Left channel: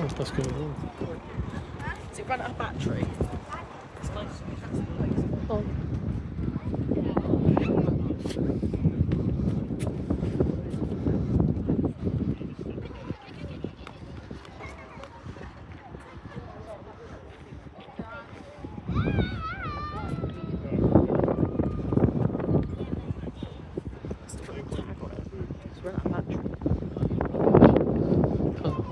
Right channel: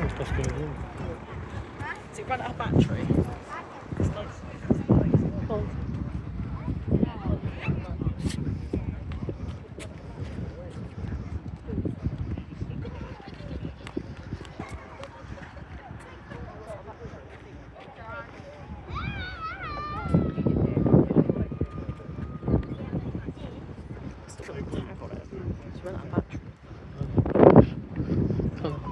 Oh, that's good. Does it run out of battery? It's like, Oh. it's run out of battery. Oh.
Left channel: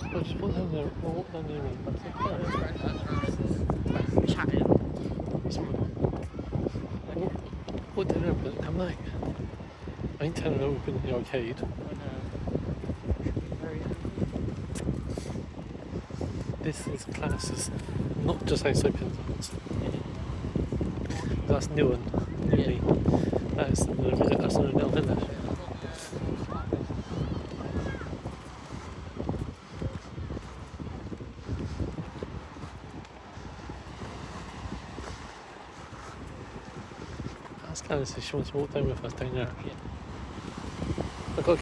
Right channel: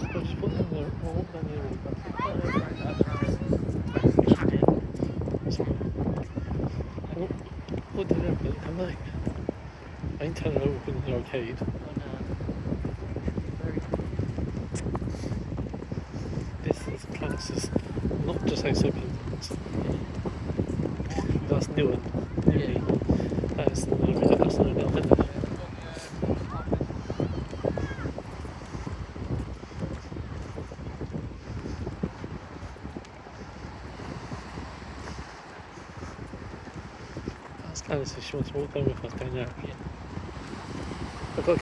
I'll just put them there, all down the road. What did it open? Come on. I ain't telling them to open the arcade. This is class, is not just say so Penzance. That's new one. Newly. That's not now, isn't it? That's kind of so she wants to walk down with us down there.